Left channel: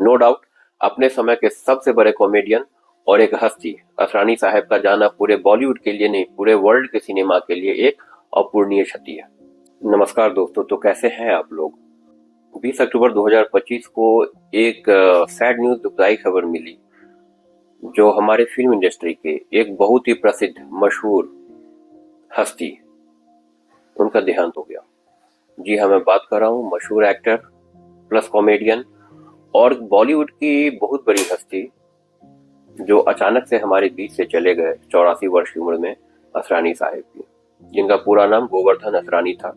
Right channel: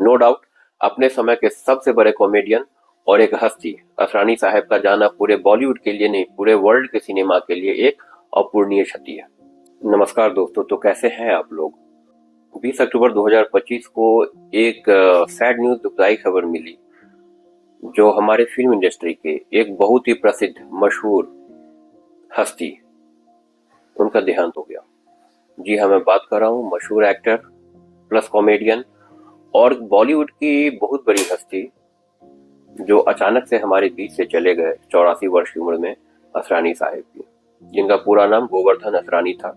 No doubt अपने समय के सबसे बड़े कॉमेडियन और एक हस्ती असरानी साहब का जाना पूरे बॉलीवुड के लिए नहीं, पूरे वर्ल्ड के सिनेमा के लिए एक अपूरणीय क्षति है। नमस्कार दोस्तों, तो कैसे हैं आप लोग। 20 अक्टूबर 2025 को एक सैड न्यूज, दुखदाई खबर मिली, जो हमारे फिल्म इंडस्ट्री के एक बहुत ही प्रसिद्ध मशहूर हस्ती, उनका देहांत हो गया। जी हाँ, मैं बात कर रहा हूँ मशहूर एक्टर प्लस कॉमेडियन और बॉलीवुड की बहुत बड़ी हस्ती जो अचानक से हमारे बीच से चले गए 84 वर्ष की उम्र में, असरानी साहब, जिनका पूरा नाम गोवर्धन असरानी था।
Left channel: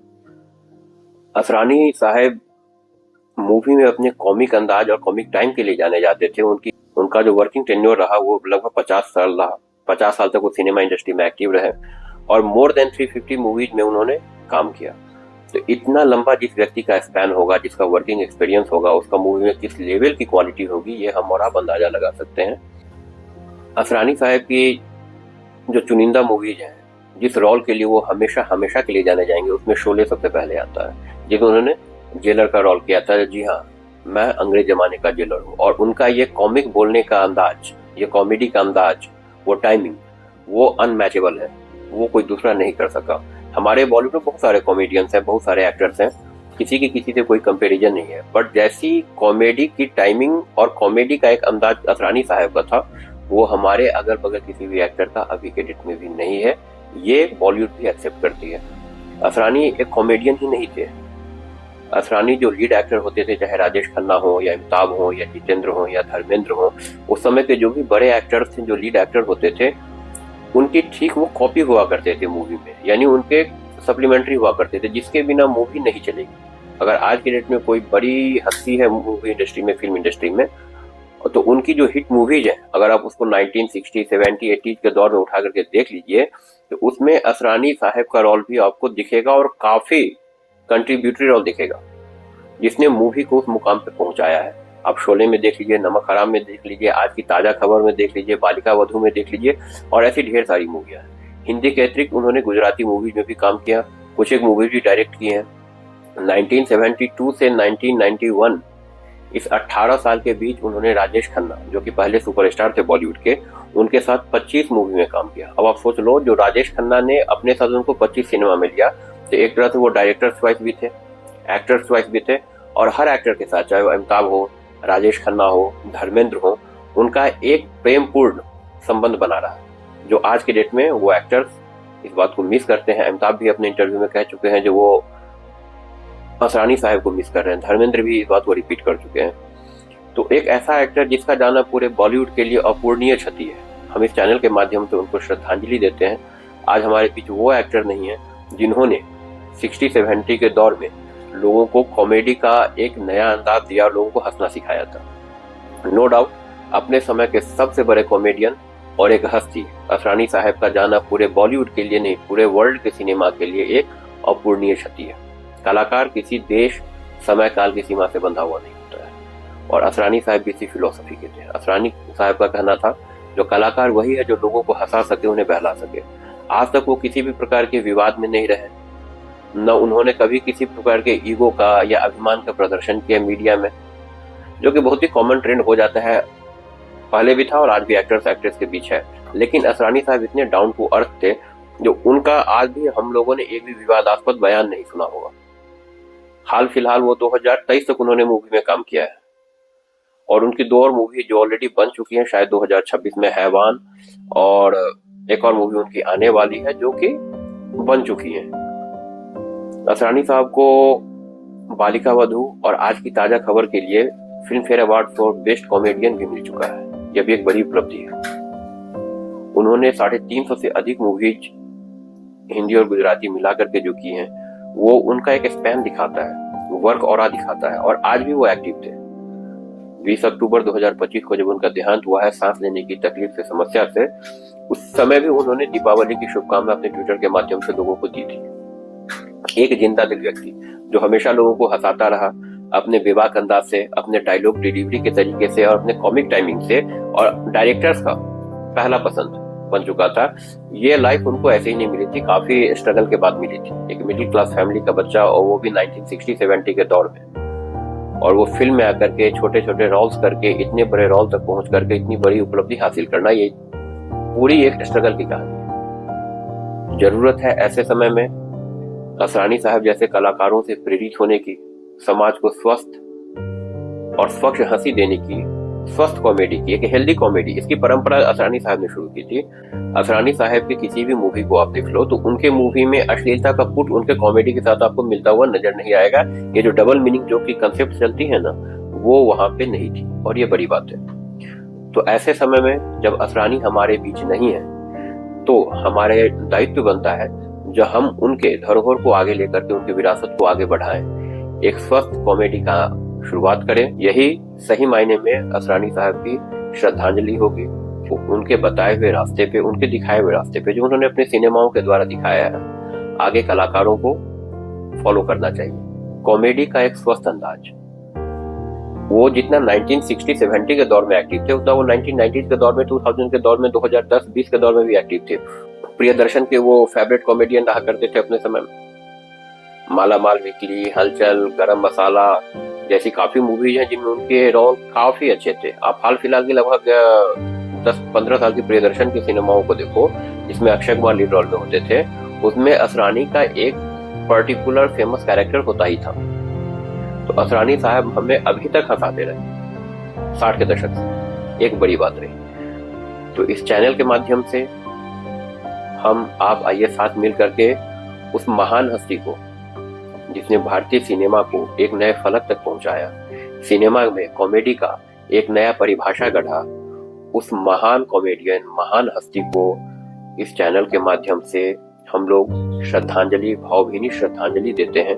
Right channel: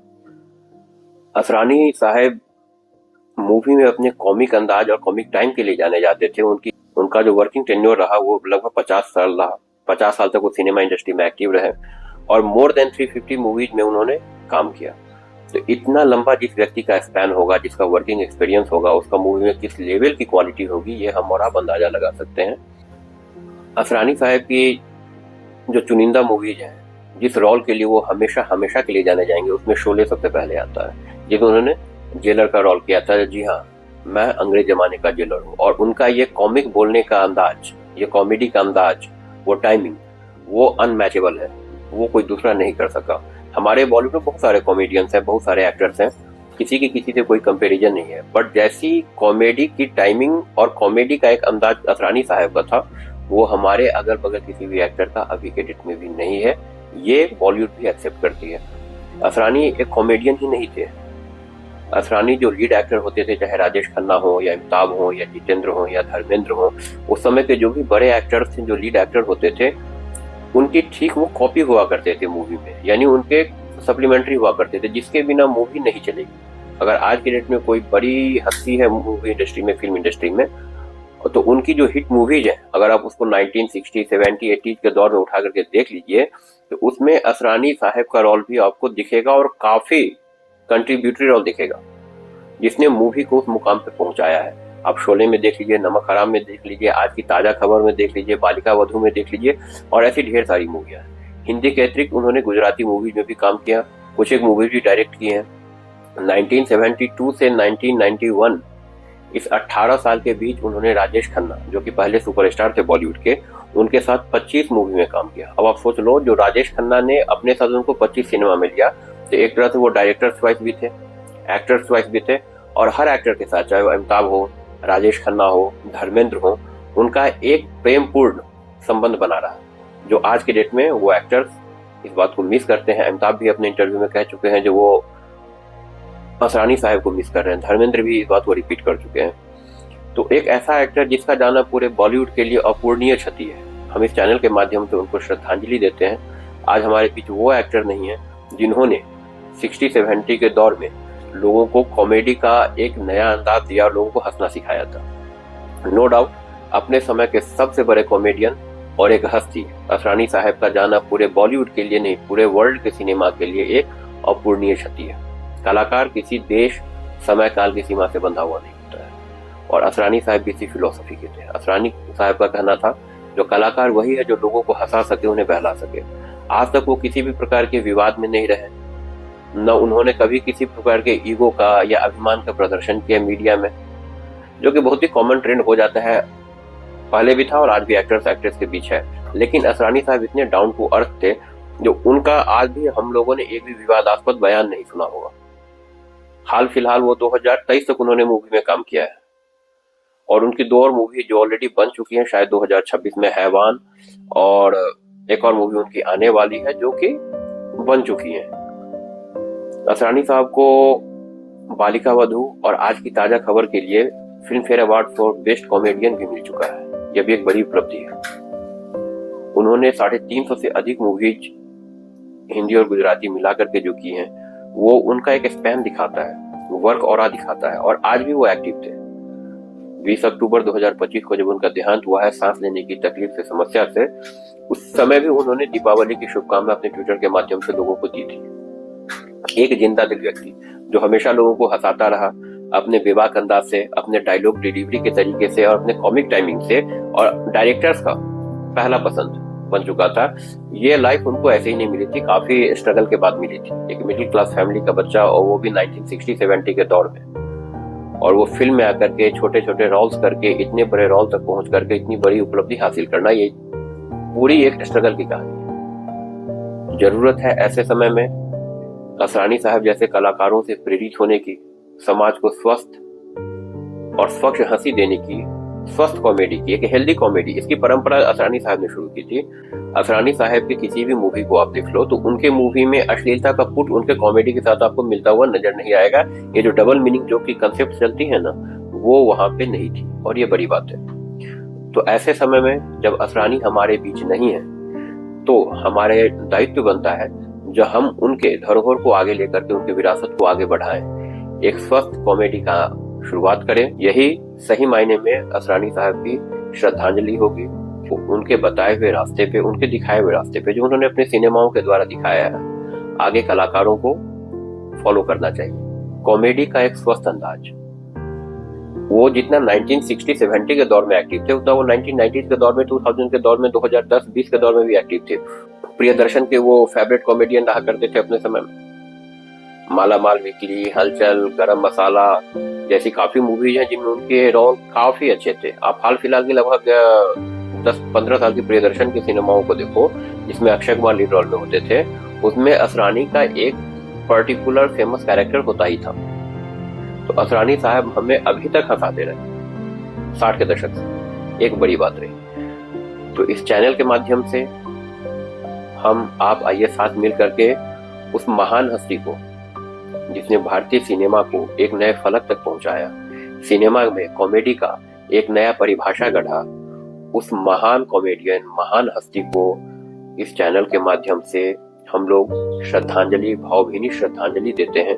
असरानी साहब मूवी में अपने कॉमिक अंदाज और कॉमिक टाइम के लिए जाने जाते थे। उनका जो वर्किंग टेन्योर रहा वो लगभग 50 साल रहा। 50 साल तक वो सिनेमा इंडस्ट्री में एक्टिव रहे और मोर देन 350 मूवीज में उन्होंने काम किया। तो इतना लंबा जिस व्यक्ति का स्पैन होगा, जिसका वर्किंग एक्सपीरियंस होगा, उसका मूवी में किस लेवल की क्वालिटी होगी, ये हम और आप अंदाजा लगा सकते हैं। असरानी साहब की जो चुनिंदा मूवीज हैं, जिस रोल के लिए वो हमेशा हमेशा के लिए जाने जाएंगे, उसमें शोले सबसे पहले आता है, जिसमें उन्होंने जेलर का रोल किया था। जी हाँ, मैं अंग्रेज जमाने का जेलर हूँ। और उनका ये कॉमिक बोलने का अंदाज, ये कॉमेडी का अंदाज, वो टाइमिंग, वो अनमैचेबल है, वो कोई दूसरा नहीं कर सका। हमारे बॉलीवुड में बहुत सारे कॉमेडियंस हैं, बहुत सारे एक्टर्स हैं, किसी की किसी से कोई कंपैरिजन नहीं है, बट जैसी कॉमेडी की टाइमिंग और कॉमेडी का एक अंदाज असरानी साहब का था, वो हमारे अगल बगल किसी भी एक्टर का अभी के डेट में भी नहीं है। ये बॉलीवुड भी एक्सेप्ट करती है। असरानी एक कॉमेडियन ही नहीं थे। असरानी जो लीड एक्टर होते थे, चाहे राजेश खन्ना हो या अमिताभ हो या जितेंद्र हो या धर्मेंद्र हो, उस समय के जो भी बड़े एक्टर्स थे, जो लीड एक्टर होते थे, उनकी ठीक वो कॉपी हुआ करते थे मूवी में, यानी उनके सप्लीमेंट्री हुआ करते थे, जिसके बिना मूवी नहीं चलेगी। अगर आज के डेट में कोई बड़ी हस्ती है मूवी इंडस्ट्री में, फिल्म इंडस्ट्री में, तो उनकी जो हिट मूवीज है, अगर आप उसको 1960, 70, 80 के दौर में उठा करके देख लीजिए, तो उसमें असरानी साहब का रोल भी आपको दिखेगा और काफी कंट्रीब्यूटरी रोल दिखेगा, जिसने मूवी को उस मुकाम तक पहुंचाया है। आप शोले में देख लीजिए, नमक हराम में देख लीजिए, आज की ताजा खबर में देख लीजिए, बालिका वधू में देख लीजिए, और ऐसी ढेर सारी मूवियां हैं। हिंदी के अतिरिक्त उन्होंने गुजराती मूवीज में भी काम किया, कुछ एक मूवी भी डायरेक्ट की है। 1972 से 1991, इस 18 साल के बीच उन्होंने राजेश खन्ना, जो कि पहले सुपरस्टार थे बॉलीवुड के, उनके साथ 25 मूवी में काम किया। अब आप सोच लो, जो राजेश खन्ना ने अपने साथ उनको 25 सिनेमा में लिया, तो एक तरह से वो डायरेक्टर्स चॉइस भी थे, एक्टर्स चॉइस भी थे, और हर एक्टर के साथ, चाहे वो अमिताभ हो, राजेश खन्ना हो, धर्मेंद्र हो, उनका एक प्रेमपूर्ण संबंध बना रहा है, जो आज के डेट में वो एक्टर्स इस बात को मिस करते हैं। अमिताभ भी अपने इंटरव्यू में कह चुके हैं जो वो असरानी साहब को मिस कर रहे हैं। धर्मेंद्र भी इस बात को रिपीट कर चुके हैं। तो एक ऐसा एक्टर जिसका जाना पूरे बॉलीवुड के लिए अपूरणीय क्षति है, हम इस चैनल के माध्यम से उनको श्रद्धांजलि देते हैं। आज हमारे बीच वो एक्टर नहीं है जिन्होंने 60-70 के दौर में लोगों को कॉमेडी का एक नया अंदाज दिया और लोगों को हंसना सिखाया था। नो डाउट अपने समय के सबसे बड़े कॉमेडियन और एक हस्ती असरानी साहब का जाना पूरे बॉलीवुड के लिए नहीं, पूरे वर्ल्ड के सिनेमा के लिए एक अपूरणीय क्षति है। कलाकार किसी देश, समय, काल की सीमा से बंधा हुआ नहीं होता है, और असरानी साहब भी इसी फिलोसफी के थे। असरानी साहब का कहना था, जो कलाकार वही है जो लोगों को हंसा सके, उन्हें बहला सके। आज तक वो किसी भी प्रकार के विवाद में नहीं रहे, न उन्होंने कभी किसी प्रकार के ईगो का या अभिमान का प्रदर्शन किया मीडिया में, जो कि बहुत ही कॉमन ट्रेंड हो जाता है, पहले भी था और आज भी एक्टर्स एक्ट्रेस के पीछे है। लेकिन असरानी साहब इतने डाउन टू अर्थ थे, जो उनका आज भी हम लोगों ने एक भी विवादास्पद बयान नहीं सुना होगा। हाल फिलहाल वो 2023 तक उन्होंने मूवी में काम किया है, और उनकी 2 और मूवी जो ऑलरेडी बन चुकी हैं, शायद 2026 में हैवान, और एक और मूवी उनकी आने वाली है जो कि बन चुकी है। असरानी साहब को बालिका वधू और आज की ताजा खबर के लिए film fair award for best comedian भी मिल चुका है। ये भी एक बड़ी उपलब्धि है। उन्होंने 350 से अधिक मूवीज हिंदी और गुजराती मिलाकर के जो की हैं, वो उनका एक स्पैन दिखाता है, वर्क ऑरा दिखाता है, और आज भी वो एक्टिव थे। 20 अक्टूबर 2025 को जब उनका देहांत हुआ है सांस लेने की तकलीफ से, समस्या से, उस समय भी उन्होंने दीपावली की शुभकामनाएं अपने ट्विटर के माध्यम से लोगों को दी थी। एक जिंदा दिल व्यक्ति जो हमेशा लोगों को हंसाता रहा, अपने बेबाक अंदाज से, अपने डायलॉग डिलीवरी के तरीके से और अपने कॉमिक टाइमिंग से, और डायरेक्टर्स का पहला पसंद बन चुका था। ये लाइफ उनको ऐसे ही नहीं मिली थी, काफी स्ट्रगल के बाद मिली थी। एक मिडिल क्लास फैमिली का बच्चा, और वो भी 1960-70 के दौर में। और वो फिल्म में आकर के छोटे छोटे रोल्स करके इतने बड़े रोल तक पहुंच करके इतनी बड़ी उपलब्धि हासिल करना, ये पूरी एक स्ट्रगल की कहानी है। जरूरत है ऐसे समय में असरानी साहब जैसे कलाकारों से प्रेरित होने की, समाज को स्वस्थ और स्वच्छ हंसी देने की, स्वस्थ कॉमेडी की, एक हेल्दी कॉमेडी, इसकी परंपरा असरानी साहब ने शुरू की थी। असरानी साहब की किसी भी मूवी को आप देख लो तो उनके मूवी में अश्लीलता का पुट उनके कॉमेडी के साथ आपको मिलता हुआ नजर नहीं आएगा। ये जो डबल मीनिंग जो की कंसेप्ट चलती है ना, वो वहां पे नहीं थी, और ये बड़ी बात है। तो ऐसे समय में जब असरानी हमारे बीच नहीं है तो हमारे दायित्व बनता है जो हम उनके धरोहर को आगे लेकर के उनकी विरासत को आगे बढ़ाएं, एक स्वस्थ कॉमेडी का शुरुआत करें। यही सही मायने में असरानी साहब की श्रद्धांजलि होगी। उनके बताए हुए रास्ते पे, उनके दिखाए हुए रास्ते पे जो उन्होंने अपने सिनेमाओं के द्वारा दिखाया है, आगे कलाकारों को फॉलो करना चाहिए। कॉमेडी का एक स्वस्थ अंदाज, वो जितना 1960-70 के दौर में एक्टिव थे उतना वो 1990 के दौर में, 2000 के दौर में, 2010-20 के दौर में भी एक्टिव थे। प्रियदर्शन के वो फेवरेट कॉमेडियन रहा करते थे अपने समय में। माला माल वीकली, हलचल, गरम मसाला जैसी काफी मूवीज हैं जिनमें उनके रोल काफी अच्छे थे। आप हाल फिलहाल के लगभग 10-15 साल की प्रियदर्शन के सिनेमाओं को देखो जिसमें अक्षय कुमार लीड रोल में होते थे, उसमें असरानी का एक पर्टिकुलर फेमस कैरेक्टर होता ही था। तो असरानी साहब हमें अभी तक हंसाते रहे 60 के दशक से, एक बड़ी बात रही। तो इस चैनल के माध्यम से हम आप आइए साथ मिल करके उस महान हस्ती को जिसने भारतीय सिनेमा को एक नए फलक तक पहुंचाया, सिनेमा में कॉमेडी का एक नया परिभाषा गढ़ा, उस महान कॉमेडियन, महान हस्ती को इस चैनल के माध्यम से हम लोग श्रद्धांजलि, भावभीनी श्रद्धांजलि देते हैं।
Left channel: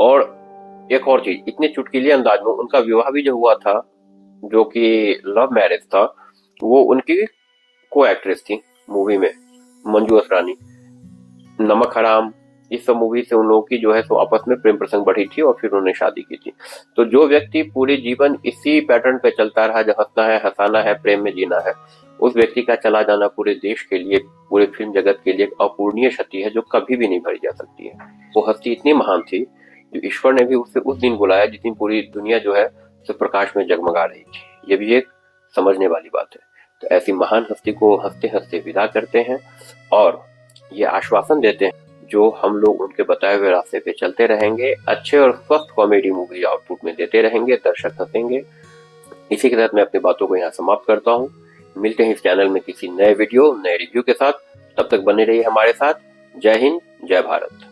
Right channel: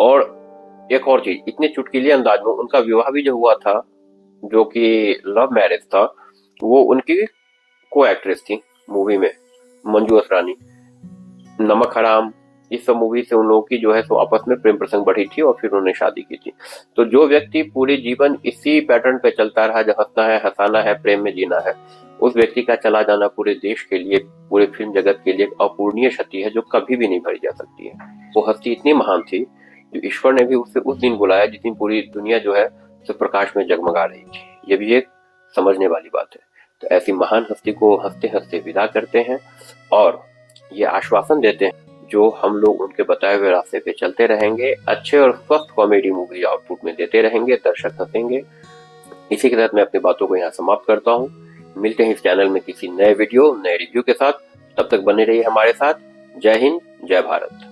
और एक और चीज, इतने चुटकीले अंदाज में उनका विवाह भी जो हुआ था, जो कि लव मैरिज था, वो उनकी को एक्ट्रेस थी मूवी में, मंजू असरानी। नमक हराम, इस सब मूवी से उन लोगों की जो है सो आपस में प्रेम प्रसंग बढ़ी थी और फिर उन्होंने शादी की थी। तो जो व्यक्ति पूरी जीवन इसी पैटर्न पे चलता रहा, जो हंसना है, हंसाना है, प्रेम में जीना है, उस व्यक्ति का चला जाना पूरे देश के लिए, पूरे फिल्म जगत के लिए अपूर्णीय क्षति है जो कभी भी नहीं भरी जा सकती है। वो हस्ती इतनी महान थी कि ईश्वर ने भी उससे उस दिन बुलाया जिस दिन पूरी दुनिया जो है सो प्रकाश में जगमगा रही थी। ये भी एक समझने वाली बात है। तो ऐसी महान हस्ती को हंसते हंसते विदा करते हैं और ये आश्वासन देते हैं जो हम लोग उनके बताए हुए रास्ते पे चलते रहेंगे, अच्छे और स्वस्थ कॉमेडी मूवी आउटपुट में देते रहेंगे, दर्शक हंसेंगे। इसी के साथ मैं अपनी बातों को यहाँ समाप्त करता हूँ। मिलते हैं इस चैनल में किसी नए वीडियो, नए रिव्यू के साथ। तब तक बने रहिए हमारे साथ। जय हिंद, जय भारत।